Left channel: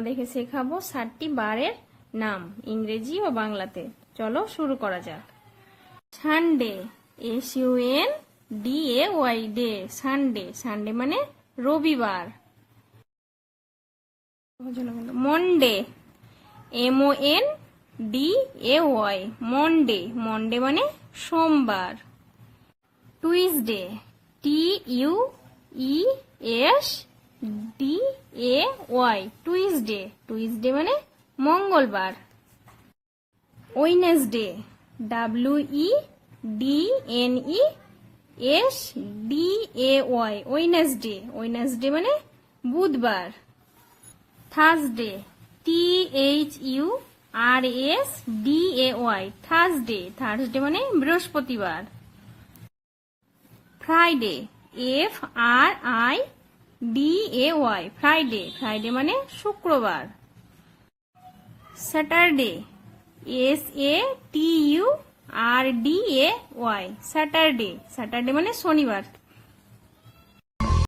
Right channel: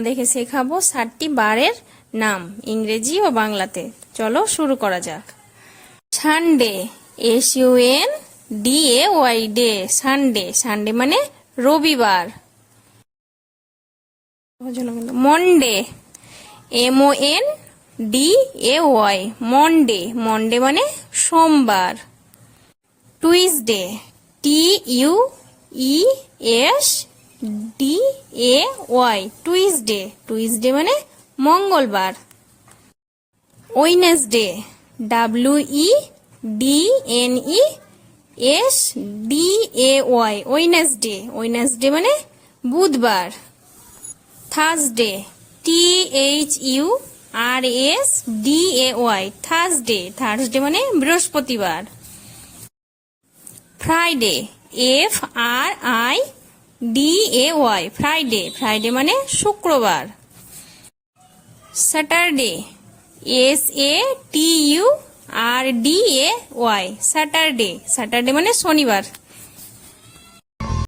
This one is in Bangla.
তোমাদেরকে শেখাবো ষাটটি বারের নাম, ইংরেজি ও বাংলাতে। চলো শুরু করা যাক। Sunday, S U N D A Y day. Sunday Sunday মানে রবিবার। Monday, M O N D A Y. Monday Monday মানে সোমবার। Tuesday, T U E S D A Y Tuesday Tuesday মানে মঙ্গলবার। Wednesday W E D N E S D A Y Wednesday Wednesday মানে বুধবার। Thursday T H U R S D A Y Thursday Thursday মানে বৃহস্পতিবার। Friday F R I D A Y Friday Friday মানে শুক্রবার। Saturday S A T U R D A Y Saturday Saturday মানে শনিবার।